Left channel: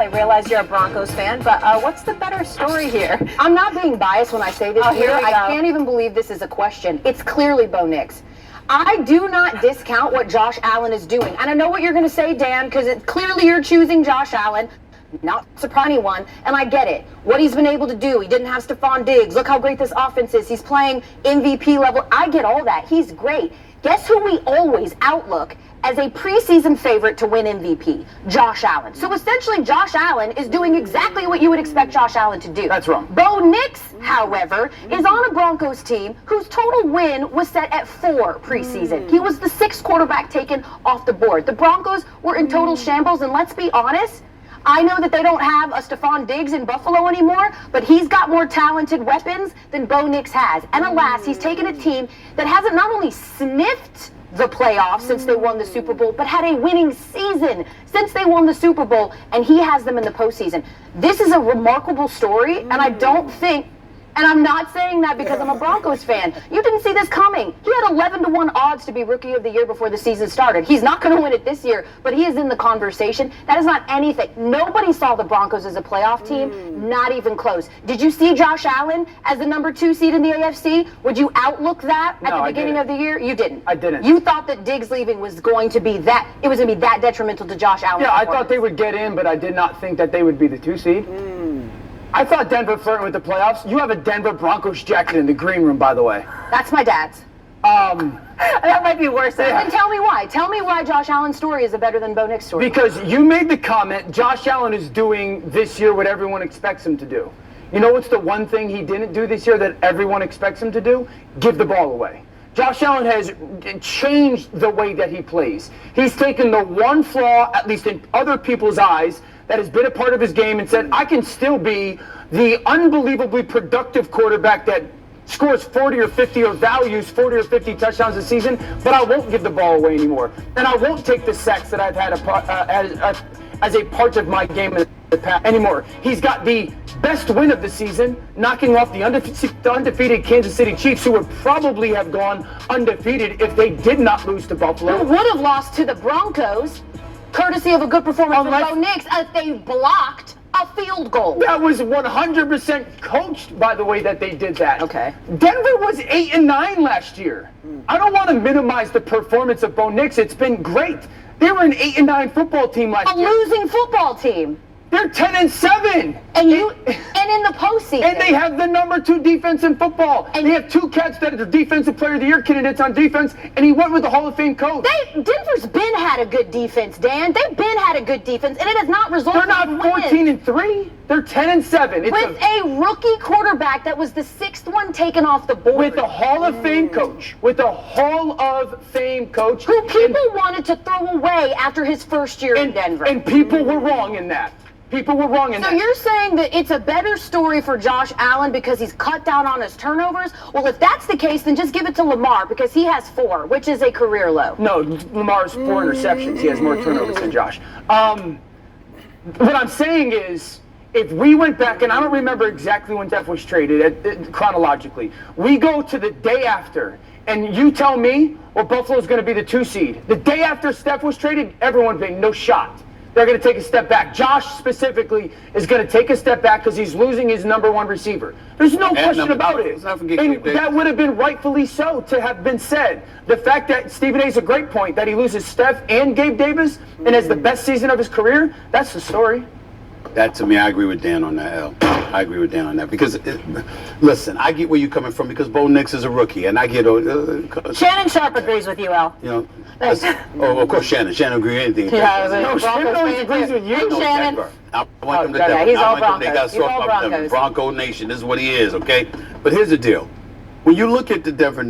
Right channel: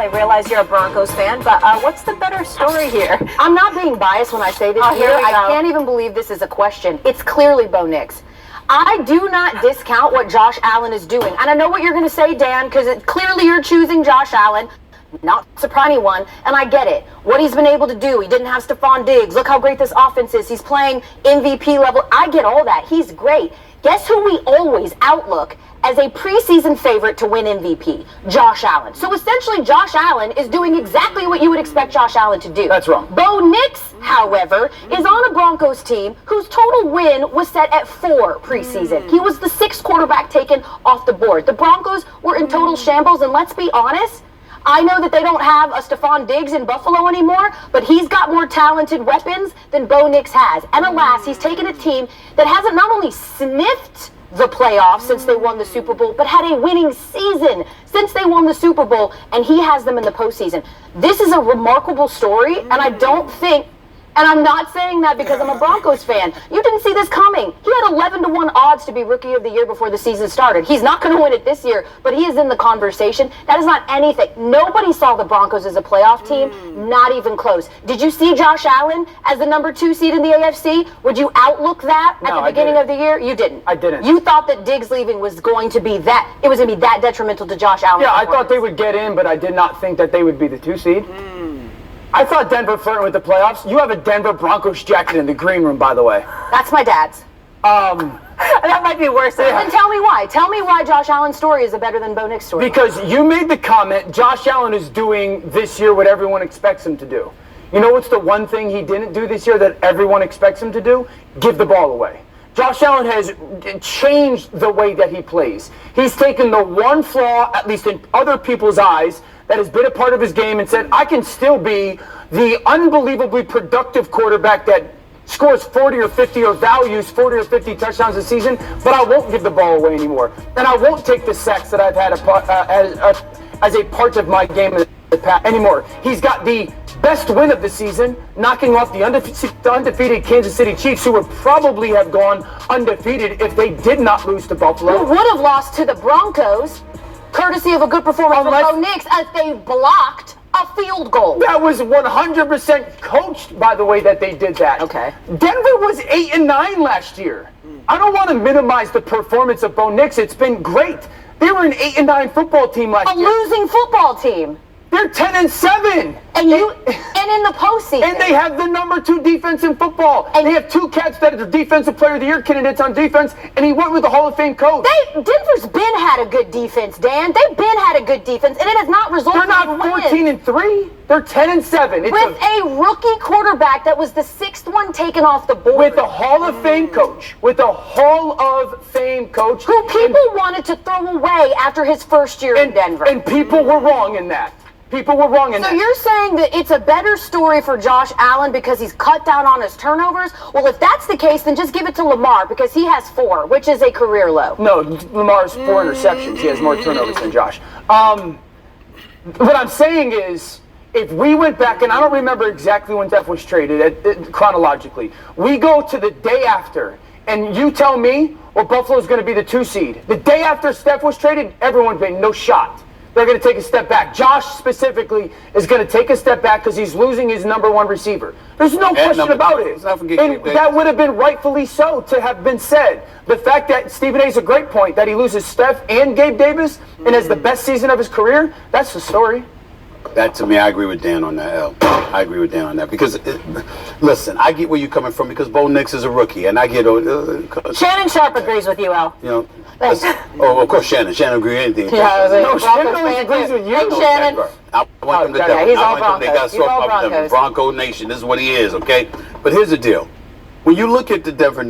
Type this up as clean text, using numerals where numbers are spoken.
I realize you're a Broncos fan, but what's the better story here? I'm not being biased when I say this here. I can't even believe this is a question. It's clearly Bo Nix. I do not discount what Josh Allen is doing. And I know what you're going to say, Dan, because clearly you're choosing Josh Allen. Not surprising one, and I get it. What he's been able to do. He didn't have Stephon Diggs. Look how great this offense is. He's playing MVP level. I get all that. He's great. Guess who we always outlook as a preseason favorite to win MVP? Josh Allen. So essentially, Josh Allen is doing exactly what you would expect Josh Allen to do. That's wrong. Bo Nix, however, is on a Broncos team whose total win was set at 4 preseason. He was the 6th quarterback taken off the board. The Broncos were in total shambles, and let's be honest, I know that they don't have a Stephon Diggs in Buffalo anymore, but he's got more talented weapons than Bo Nix has. And alas, he's taken a team that hasn't not only sniffed the playoffs since they won the Super Bowl, but had a winning season since they won the Super Bowl, and he has them in the postseason. This is a remarkable story, and I don't think, and I'm not saying that because I'm a Broncos fan. You didn't see this coming. He had 11-1 odds to be Rookie of the Year before the season started. He's not going to win it this year, but he is in the conversation. That is not anything. Nobody saw the Broncos as a playoff team, not even close. Did you see Josh Allen as the number 2 seed in the AFC? Would you outlook that at the beginning of the year? You didn't. I didn't. You thought that Diggs leaving was going to be that, it was going to be that detrimental to Josh Allen. Yeah, I thought they would get in, but I did not think that they would be the 2 seed. I thought Denver flirting with the playoffs. You have a Denver Broncos jacket in the green room, by the way. That's my dad's. That might be worse. Then tell me why. Tell me why Josh Allen's story is better than Bo Nix's story. Because you made the comment, Josh Allen is doing this year what everyone expects him to do. You know what's the one thing he didn't do this year that everyone expects him to do? Give the ball away. Josh Allen has changed the way that he plays. He's taken the one flaw, at least in other people's eyes, that has been a part of his game and said, I can still be the unbelievably productive quarterback that scores 40 or 50 or values 40 or 50 touchdowns a season, but I won't give the ball away anymore. And I won't take the sacks that I've had as a part of my game in the past anymore. He's got the best win of the season, knocking off the undefeated Kansas City Chiefs, who would probably have gone undefeated if they did not lose to Buffalo. Who would have lost to the Broncos, courtesy of a good performance from Bo Nix, as they blocked a field goal. That was 100% coached by the way that they did that. Okay. Denver was 8-9 last year. I don't want to minimize the performance of Bo Nix. It's been great. They were an 8-9 football team last year. A losing football team. They're 10-7. And in the postseason. And they have the number 2 defense in football. And they have 2 cats that are the defensive player of the year candidates on defense, and he went with the Hall of Fame coach. Denver's been had a good defense, Dan. They've been had a good defense, and it has not resulted They're not in 14-3. They're 10-7. With a rookie quarterback that was the 6th one taken off the board. With a Hall of Fame coach. With a Hall of Fame coach. Who people wanted to throw away after his first year in Denver. And people were wrong in that. People were wrong in that. So you're saying that it's a better story for Josh Allen because he's cut down on his turnovers? Well, if that's the case, then just give it to Lamar because he has 4, which is a career low. No, Lamar's 4 interceptions. He has more turnovers than Josh. What I'm saying is, if we went back, and I don't remember exactly when Steph was traded chronologically, we go to the day after, and you tell me, well, Buffalo's going to be the 2 seed. The day after Steph was traded, everyone's been no shot. They're going to take a step back. Josh specifically is going to take a step back because he's losing his number 1 receiver. There's no question about it. And that would have been rightfully so to have been said. The fact that Stephen A's a great point, that he loses Steph and Gabe Davis and has the best season of his career, that's the story. That, to me, I agree with Dan on that, L. I agree with Dan on that. Because, listen, I get where you're coming from because Bo Nix is a rookie. And I get... Shannon Sharp agrees with you, Al. You know, of course, Shannon. Shannon agrees with anything. No, Shannon agrees with you. Hey, Shannon. I want them to yeah, he's all They Broncos. got He's all sort of Broncos. Bronco Nation. This is what he is, okay? But here's the deal. When you look at the Denver